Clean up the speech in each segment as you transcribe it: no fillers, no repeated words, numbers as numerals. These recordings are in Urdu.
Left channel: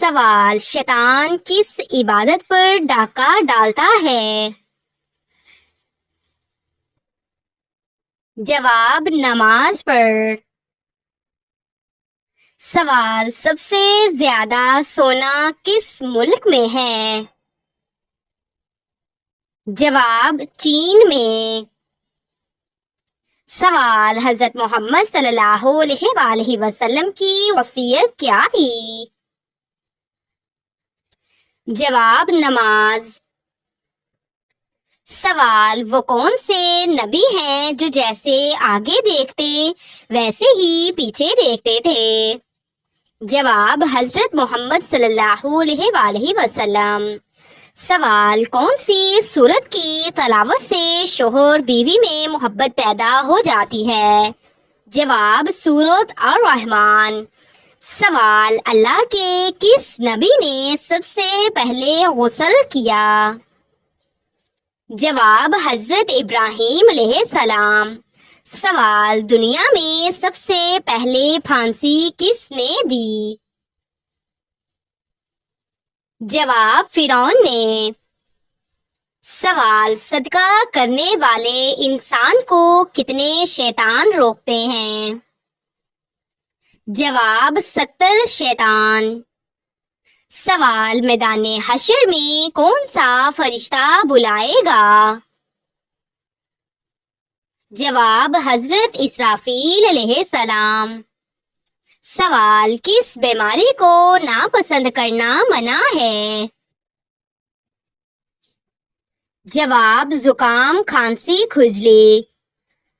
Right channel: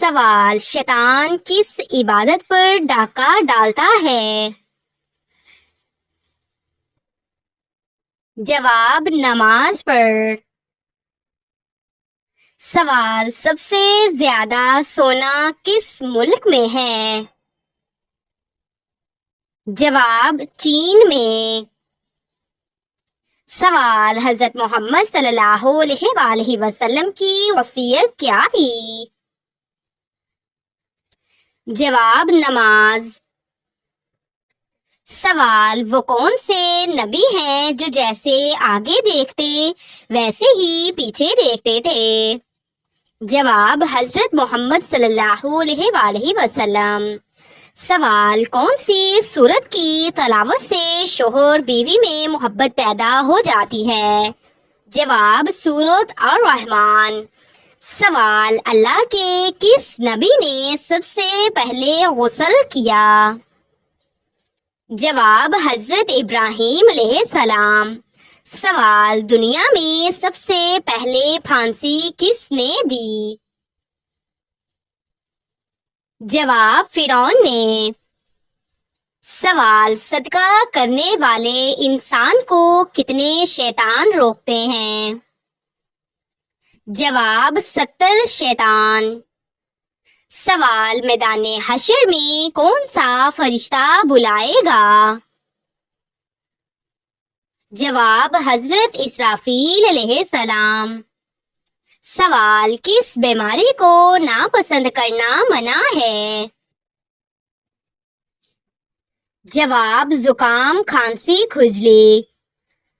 سوال: شیطان کس عبادت پر ڈاکہ ڈالتا ہے؟ جواب: نماز پر۔ سوال: سب سے زیادہ سونا کس ملک میں ہے؟ جواب: چین میں۔ سوال: حضرت محمد صلی اللہ علیہ وآلہ وسلم کی وصیت کیا تھی؟ جواب: نماز۔ سوال: وہ کون سے نبی ہیں جو جیسے آگے دیکھتے ویسے ہی پیچھے دیکھتے تھے؟ جواب: حضرت محمد صلی اللہ علیہ وآلہ وسلم۔ سوال: کون سی سورت کی تلاوت سے شوہر بیوی میں محبت پیدا ہو جاتی ہے؟ جواب: سورۃ الرحمن۔ سوال: اللہ کے کس نبی نے سب سے پہلے غسل کیا؟ جواب: حضرت ابراہیم علیہ السلام۔ سوال: دنیا میں سب سے پہلے پھانسی کس نے دی؟ جواب: فرعون نے۔ سوال: صدقہ کرنے والے انسان کو کتنے شیطان روکتے ہیں؟ جواب: 70 شیطان۔ سوال: میدان حشر میں کون سا فرشتہ بلائے گا؟ جواب: حضرت اسرافیل علیہ السلام۔ سوال: کس بیماری کو ناپسند کرنا منع ہے؟ جواب: زکام، کھانسی، کھجلی۔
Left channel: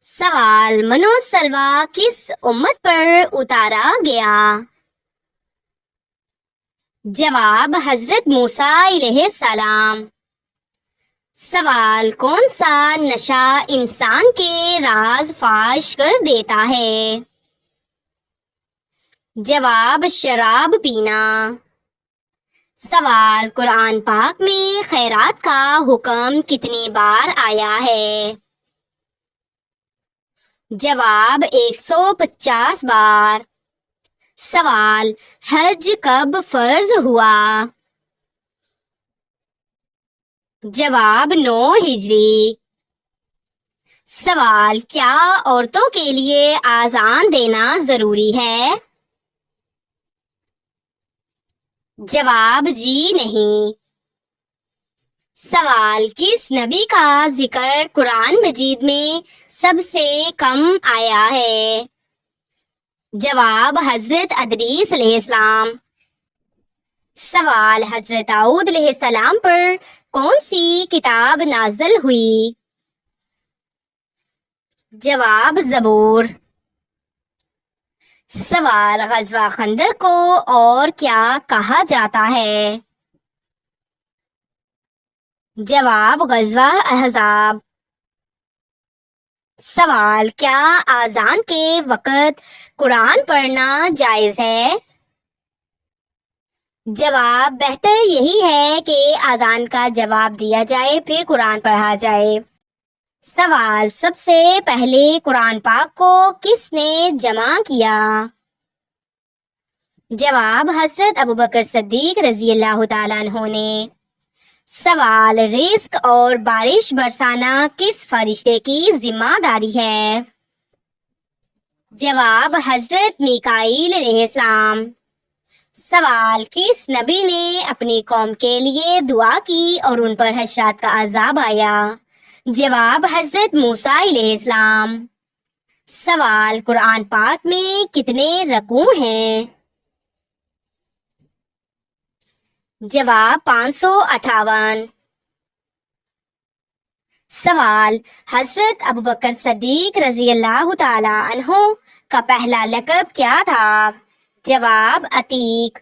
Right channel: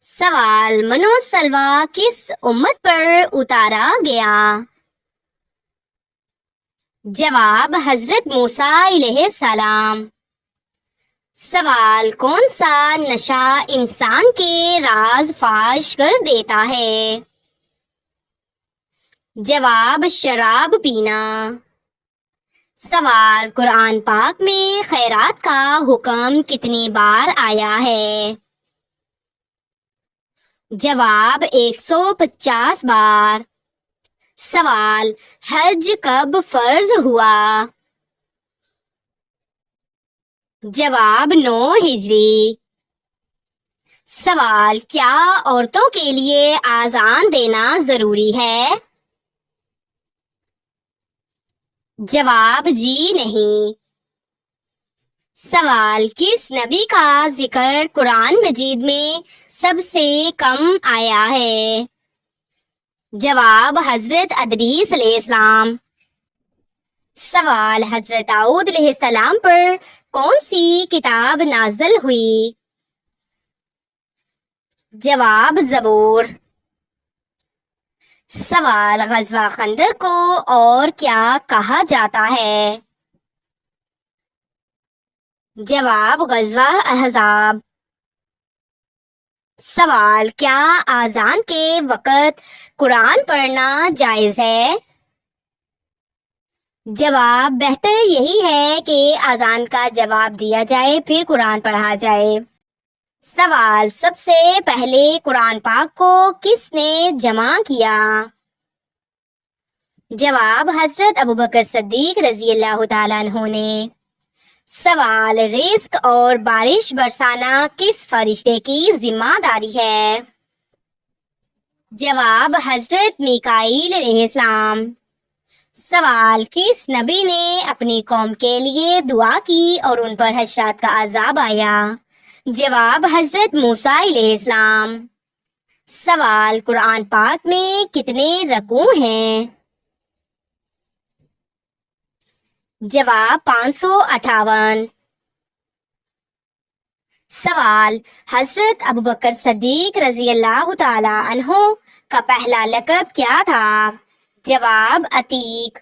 سوال: من و سلویٰ کس امت پر اتارا گیا؟ جواب: حضرت موسیٰ علیہ السلام۔ سوال: کون سا نشہ انسان کے راز فاش کر دیتا ہے؟ جواب: شراب پینا۔ سوال: قرآن پاک میں خیرات کا حکم کتنی بار آیا ہے؟ جواب: 150 بار۔ سوال: حج کب فرض ہوا؟ جواب: 9 ہجری۔ سوال: کیا عورتوں کے لیے اذان دینا ضروری ہے؟ جواب: جی نہیں۔ سوال: کس نبی کا ذکر قرآن مجید میں سب سے کم آیا ہے؟ جواب: حضرت ادریس علیہ السلام۔ سوال: حضرت داؤد علیہ السلام پر کون سی کتاب نازل ہوئی؟ جواب: زبور۔ سوال: غزوہ خندق کو اور کیا کہا جاتا ہے؟ جواب: غزوہ احزاب۔ سوال: کیا اذان کے وقت قرآن پڑھنا جائز ہے؟ جواب: بہتر یہی ہے کہ اذان کا جواب دیا جائے پھر قرآن پڑھا جائے۔ سوال: سب سے پہلے قرآن پاک کو کس نے جمع کیا؟ جواب: حضرت ابوبکر صدیق رضی اللہ تعالیٰ عنہ نے۔ سوال: رزق اور بارش برسانا کس فرشتے کی ذمہ داری ہے؟ جواب: حضرت میکائیل علیہ السلام۔ سوال: کس نبی نے اپنی قوم کے لیے دعا کی اور ان پر حشرات کا عذاب آیا؟ جواب: حضرت موسیٰ علیہ السلام۔ سوال: قرآن پاک میں کتنے رکوع ہیں؟ جواب: 558۔ سوال: حضرت ابوبکر صدیق رضی اللہ تعالی عنہ کا پہلا لقب کیا تھا؟ جواب: عتیق۔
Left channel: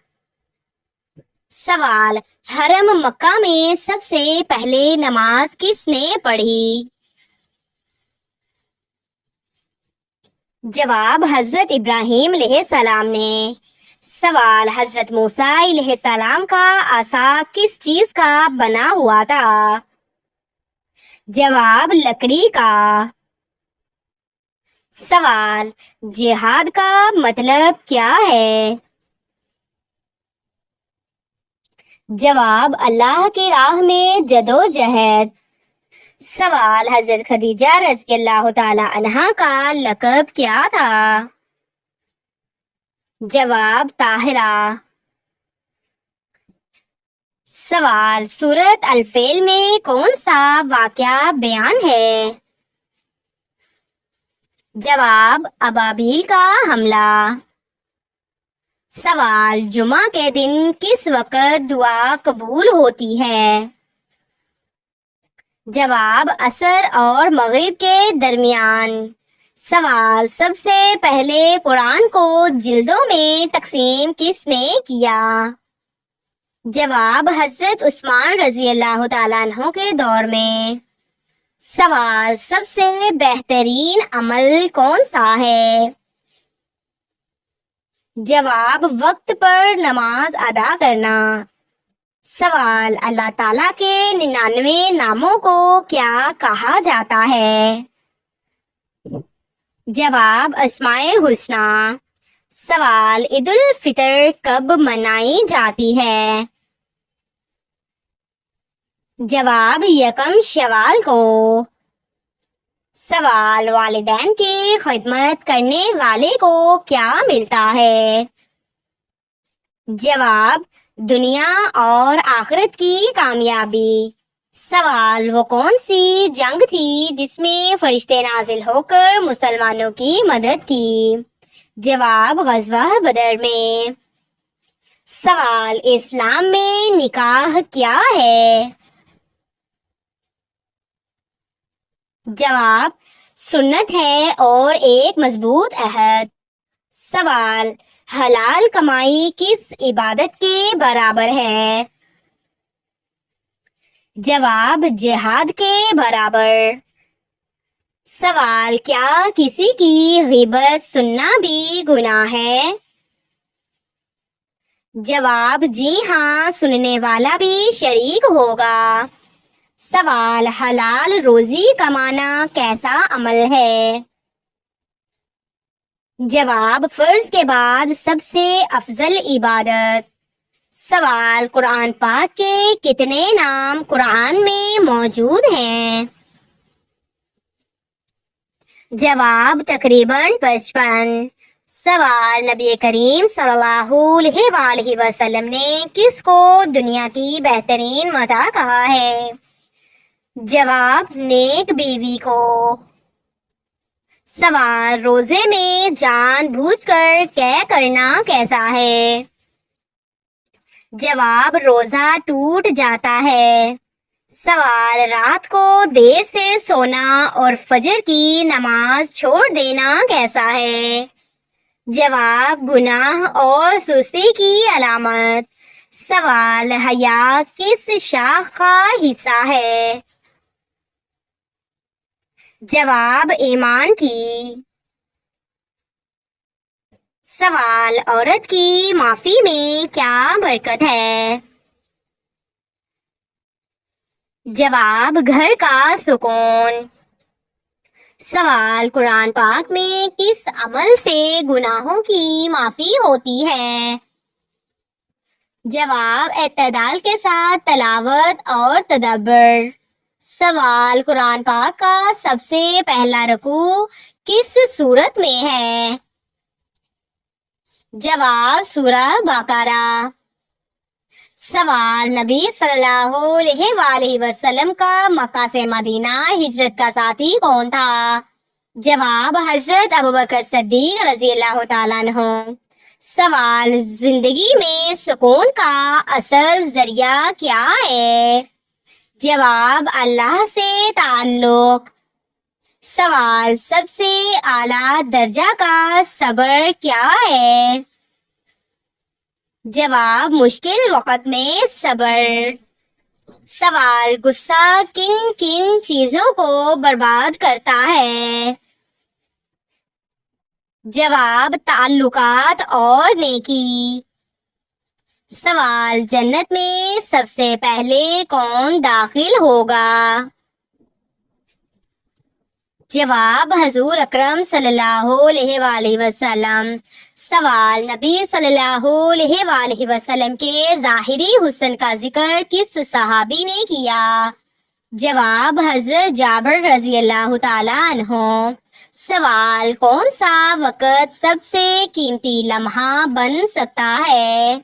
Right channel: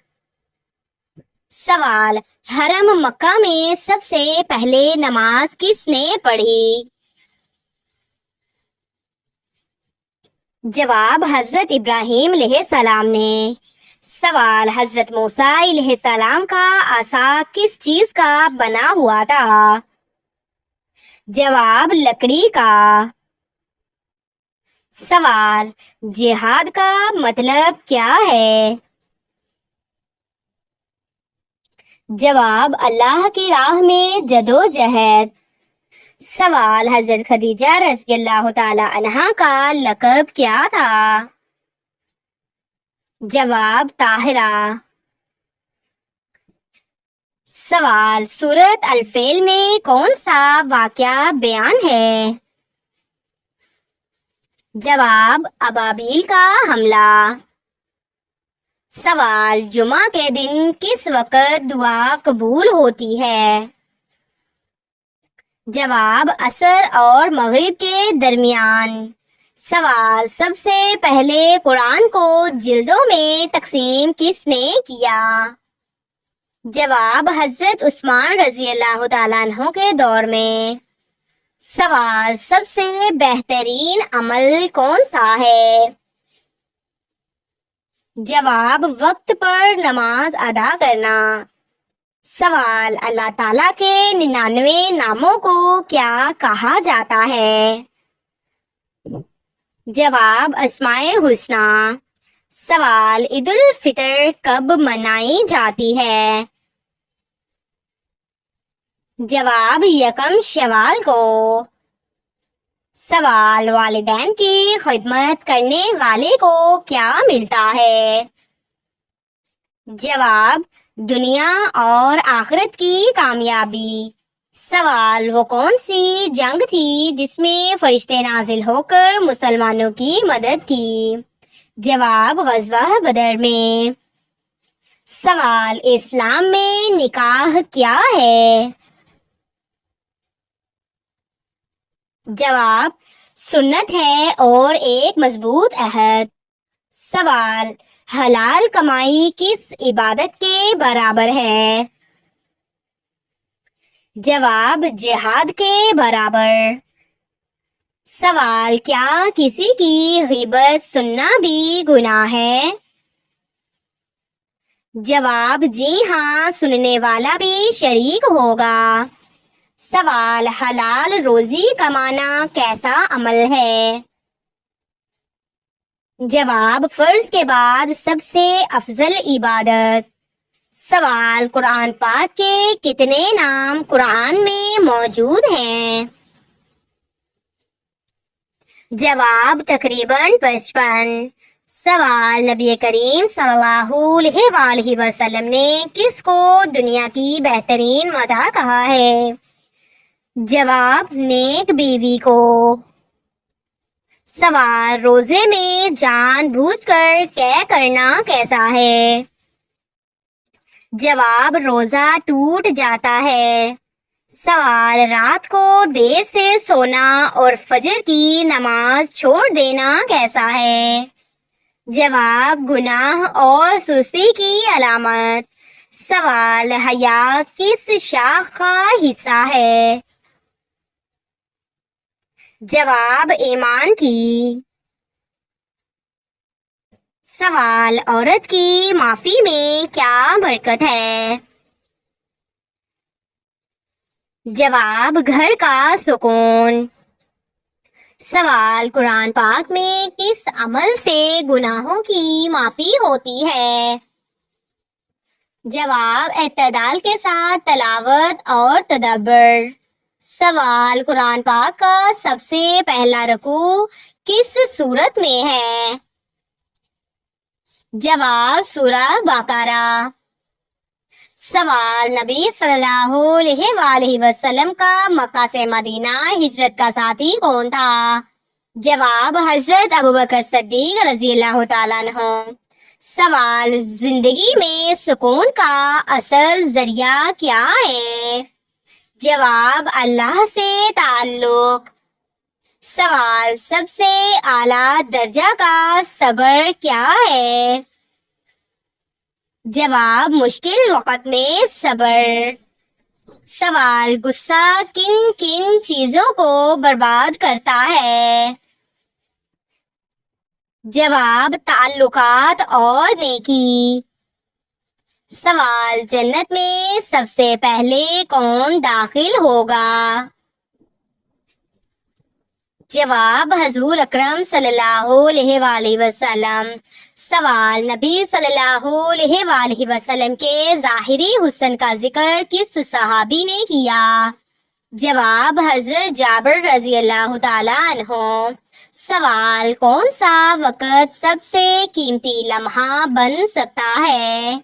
سوال: حرم مکہ میں سب سے پہلے نماز کس نے پڑھی؟ جواب: حضرت ابراہیم علیہ السلام نے۔ سوال: حضرت موسیٰ علیہ السلام کا عصا کس چیز کا بنا ہوا تھا؟ جواب: لکڑی کا۔ سوال: جہاد کا مطلب کیا ہے؟ جواب اللہ کی راہ میں جدوجہد۔ سوال حضرت خدیجہ رضی اللہ تعالی عنہا کا لقب کیا تھا؟ جواب طاہرہ۔ سوال سورۃ الفیل میں کون سا واقعہ بیان ہے؟ جواب ابابیل کا حملہ۔ سوال جمعہ کے دن کس وقت دعا قبول ہوتی ہے؟ جواب عصر اور مغرب کے درمیان۔ سوال سب سے پہلے قرآن کو جلدوں میں تقسیم کس نے کیا؟ جواب حضرت عثمان رضی اللہ تعالیٰ عنہ کے دور میں۔ سوال سب سے بہترین عمل کون سا ہے؟ جواب وقت پر نماز ادا کرنا۔ سوال اللہ تعالیٰ کے 99 ناموں کو کیا کہا جاتا ہے؟ جواب اسماء الحسنی۔ سوال عید الفطر کب منائی جاتی ہے؟ جواب یکم شوال کو۔ سوال والدین کی خدمت کرنے والے کو کیا ملتا ہے؟ جواب دنیا اور آخرت کی کامیابی۔ سوال وہ کون سی جنگ تھی جس میں فرشتے نازل ہو کر مسلمانوں کی مدد کی؟ جواب غزوہ بدر میں۔ سوال اسلام میں نکاح کیا ہے؟ جواب سنت ہے اور ایک مضبوط عہد۔ سوال حلال کمائی کس عبادت کے برابر ہے؟ جواب جہاد کے برابر۔ سوال کیا کسی کی غیبت سننا بھی گناہ ہے؟ جواب جی ہاں، سننے والا بھی شریک ہوگا۔ سوال حلال روزی کمانا کیسا عمل ہے؟ جواب فرض کے بعد سب سے افضل عبادت۔ سوال قرآن پاک کے کتنے نام قرآن میں موجود ہیں؟ جواب تقریباً 55۔ سوال نبی کریم صلی اللہ علیہ وآلہ وسلم نے کس کو دنیا کی بہترین متاع کہا ہے؟ جواب نیک بیوی کو۔ سوال روزے میں جان بوجھ کر طے کرنا کیسا ہے؟ جواب روزہ ٹوٹ جاتا ہے۔ سوال رات کو دیر سے سونا اور فجر کی نماز چھوڑ دینا کیسا ہے؟ جواب گناہ اور سستی کی علامت۔ سوال حیا کس شاخ کا حصہ ہے؟ جواب ایمان کی۔ سوال عورت کی معافی میں کیا برکت ہے؟ جواب گھر کا سکون۔ سوال قرآن پاک میں کس عمل سے گناہوں کی معافی ہوتی ہے؟ جواب اعتدال کے ساتھ تلاوت اور تدبر۔ سوال قرآن پاک کا سب سے پہلا رکوع کس سورت میں ہے؟ جواب سورہ بقرہ۔ سوال نبی صلی اللہ علیہ وآلہ وسلم کا مکہ سے مدینہ ہجرت کا ساتھی کون تھا؟ جواب حضرت ابوبکر صدیق رضی اللہ تعالیٰ عنہ۔ سوال زندگی میں سکون کا اصل ذریعہ کیا ہے؟ جواب اللہ سے تعلق۔ سوال سب سے اعلیٰ درجہ کا صبر کیا ہے؟ جواب مشکل وقت میں صبر۔ سوال غصہ کن کن چیزوں کو برباد کرتا ہے؟ جواب تعلقات اور نیکی۔ سوال جنت میں سب سے پہلے کون داخل ہوگا؟ جواب حضور اکرم صلی اللہ علیہ وآلہ وسلم۔ سوال: نبی صلی اللہ علیہ وآلہ وسلم کے ظاہری حسن کا ذکر کس صحابی نے کیا؟ جواب: حضرت جابر رضی اللہ تعالیٰ عنہ۔ سوال: کون سا وقت سب سے قیمتی لمحہ بن سکتا ہے؟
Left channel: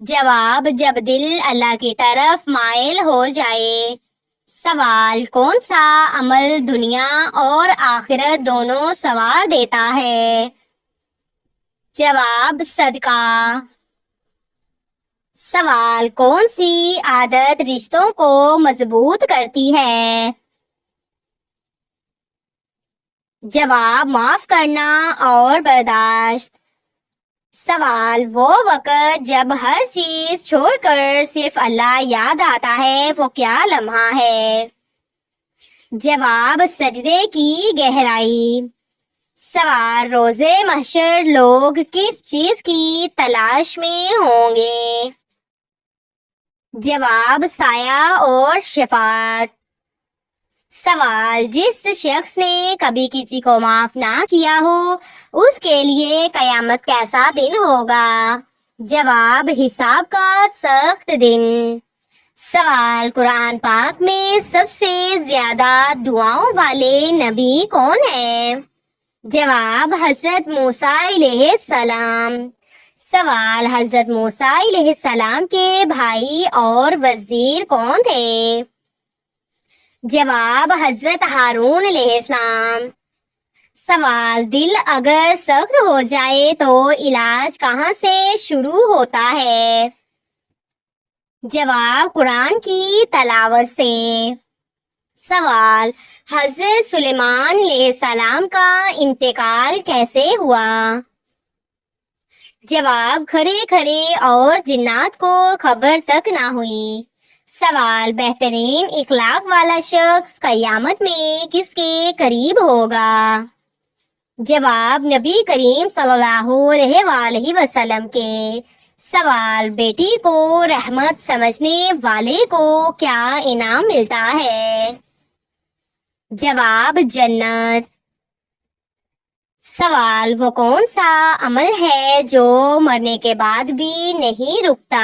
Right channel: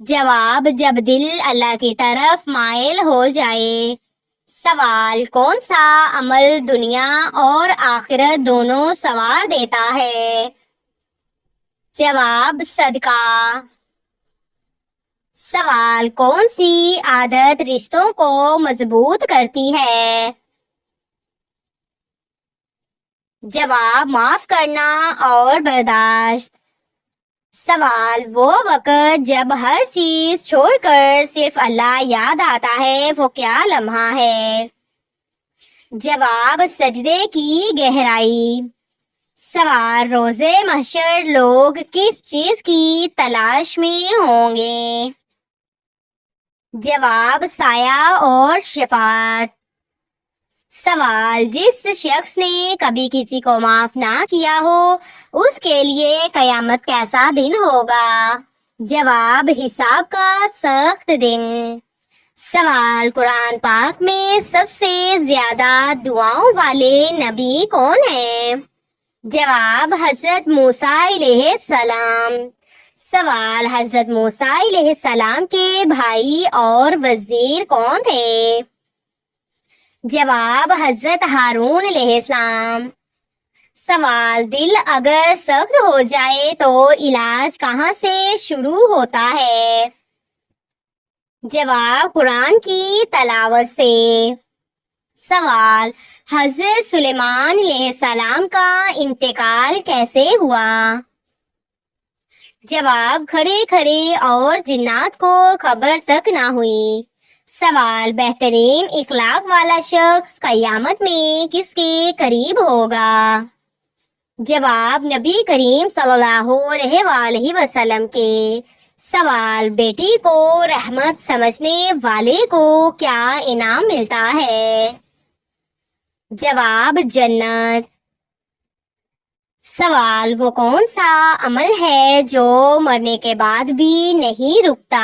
جواب: جب دل اللہ کی طرف مائل ہو جائے۔ سوال: کون سا عمل دنیا اور آخرت دونوں سنوار دیتا ہے؟ جواب: صدقہ۔ سوال: کون سی عادت رشتوں کو مضبوط کرتی ہے؟ جواب: معاف کرنا اور برداشت۔ سوال: وہ وقت جب ہر چیز چھوڑ کر صرف اللہ یاد آتا ہے، وہ کیا لمحہ ہے؟ جواب: سجدے کی گہرائی۔ سوال: روزے محشر لوگ کس چیز کی تلاش میں ہوں گے؟ جواب: سایہ اور شفاعت۔ سوال: جس شخص نے کبھی کسی کو معاف نہ کیا ہو، اس کے لیے قیامت کیسا دن ہوگا؟ جواب: حساب کا سخت دن۔ سوال: قرآن پاک میں سب سے زیادہ دعاؤں والے نبی کون ہیں؟ جواب: حضرت موسیٰ علیہ السلام۔ سوال: حضرت موسیٰ علیہ السلام کے بھائی اور وزیر کون تھے؟ جواب: حضرت ہارون علیہ السلام۔ سوال: دل اگر سخت ہو جائے تو علاج کہاں سے شروع ہوتا ہے؟ جواب: قرآن کی تلاوت سے۔ سوال: حضرت سلیمان علیہ السلام کا انتقال کیسے ہوا؟ جواب: کھڑے کھڑے اور جنات کو خبر تک نہ ہوئی۔ سوال: بہترین اخلاق والا شخص قیامت میں کس کے قریب ہوگا؟ جواب: نبی کریم صلی اللہ علیہ وآلہ وسلم کے۔ سوال: بیٹی کو رحمت سمجھنے والے کو کیا انعام ملتا ہے؟ جواب: جنت۔ سوال: وہ کون سا عمل ہے جو مرنے کے بعد بھی نہیں رکتا؟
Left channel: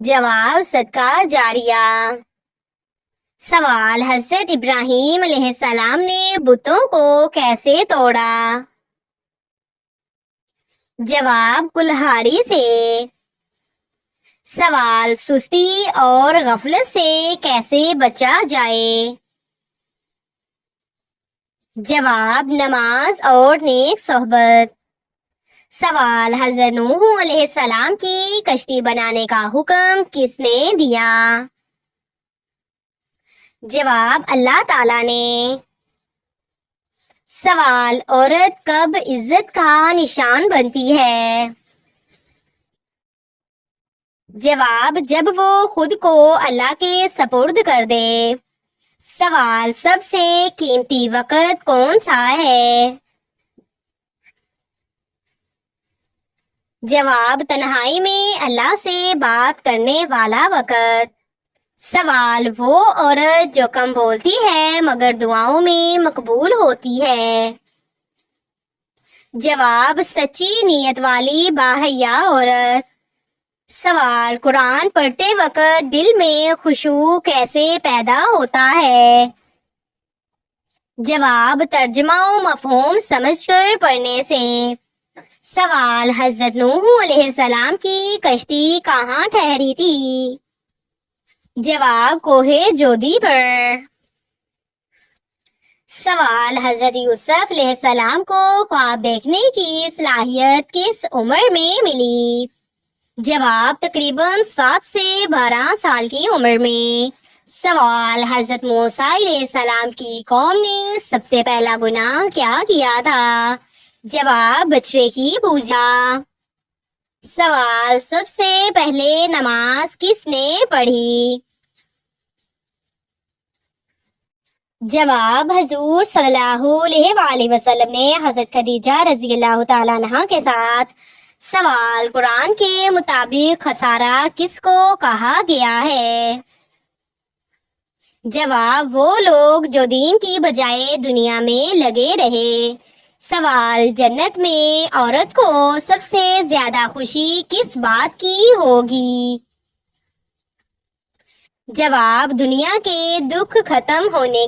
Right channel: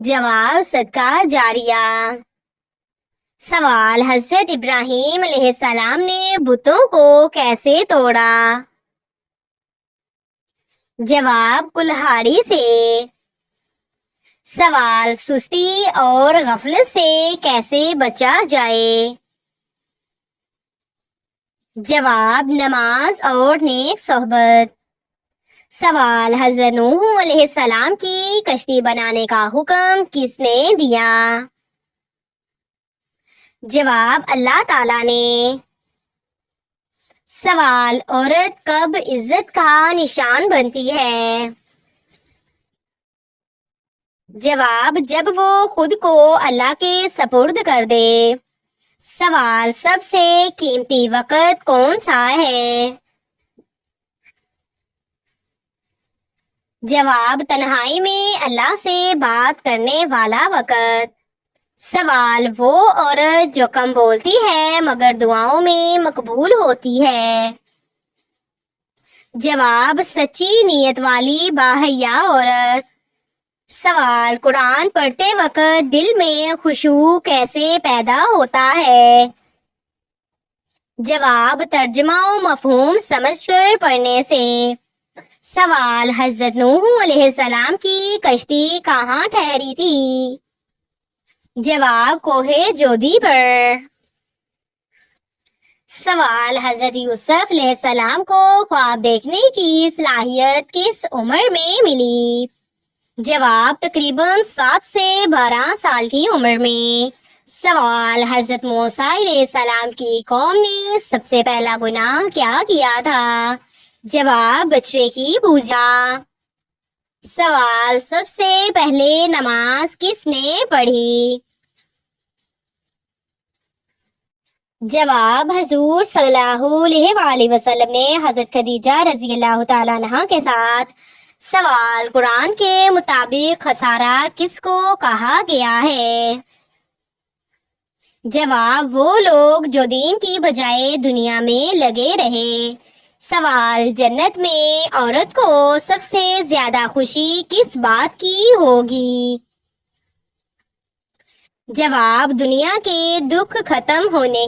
جواب: صدقہ جاریہ۔ سوال: حضرت ابراہیم علیہ السلام نے بتوں کو کیسے توڑا؟ جواب: کلہاڑی سے۔ سوال: سستی اور غفلت سے کیسے بچا جائے؟ جواب: نماز اور نیک صحبت۔ سوال: حضرت نوح علیہ السلام کی کشتی بنانے کا حکم کس نے دیا؟ جواب: اللہ تعالیٰ نے۔ سوال: عورت کب عزت کا نشان بنتی ہے؟ جواب: جب وہ خود کو اللہ کے سپرد کر دے۔ سوال: سب سے قیمتی وقت کون سا ہے؟ جواب: تنہائی میں اللہ سے بات کرنے والا وقت۔ سوال: وہ عورت جو کم بولتی ہے مگر دعاؤں میں مقبول ہوتی ہے۔ جواب: سچی نیت والی باحیا عورت۔ سوال: قرآن پڑھتے وقت دل میں خشوع کیسے پیدا ہوتا ہے؟ جواب: ترجمہ و مفہوم سمجھ کر پڑھنے سے۔ سوال: حضرت نوح علیہ السلام کی کشتی کہاں ٹھہری تھی؟ جواب: کوہ جودی پر۔ سوال: حضرت یوسف علیہ السلام کو خواب دیکھنے کی صلاحیت کس عمر میں ملی؟ جواب: تقریباً 7 سے 12 سال کی عمر میں۔ سوال: حضرت موسیٰ علیہ السلام کی قوم نے سب سے پہلا گناہ کیا کیا تھا؟ جواب: بچڑے کی پوجا۔ سوال: سب سے پہلے نماز کس نے پڑھی؟ جواب: حضور صلی اللہ علیہ وآلہ وسلم نے حضرت خدیجہ رضی اللہ تعالیٰ عنہا کے ساتھ۔ سوال: قرآن کے مطابق خسارہ کس کو کہا گیا ہے؟ جواب وہ لوگ جو دین کی بجائے دنیا میں لگے رہے۔ سوال، جنت میں عورت کو سب سے زیادہ خوشی کس بات کی ہوگی؟ جواب، دنیا کے دکھ ختم ہونے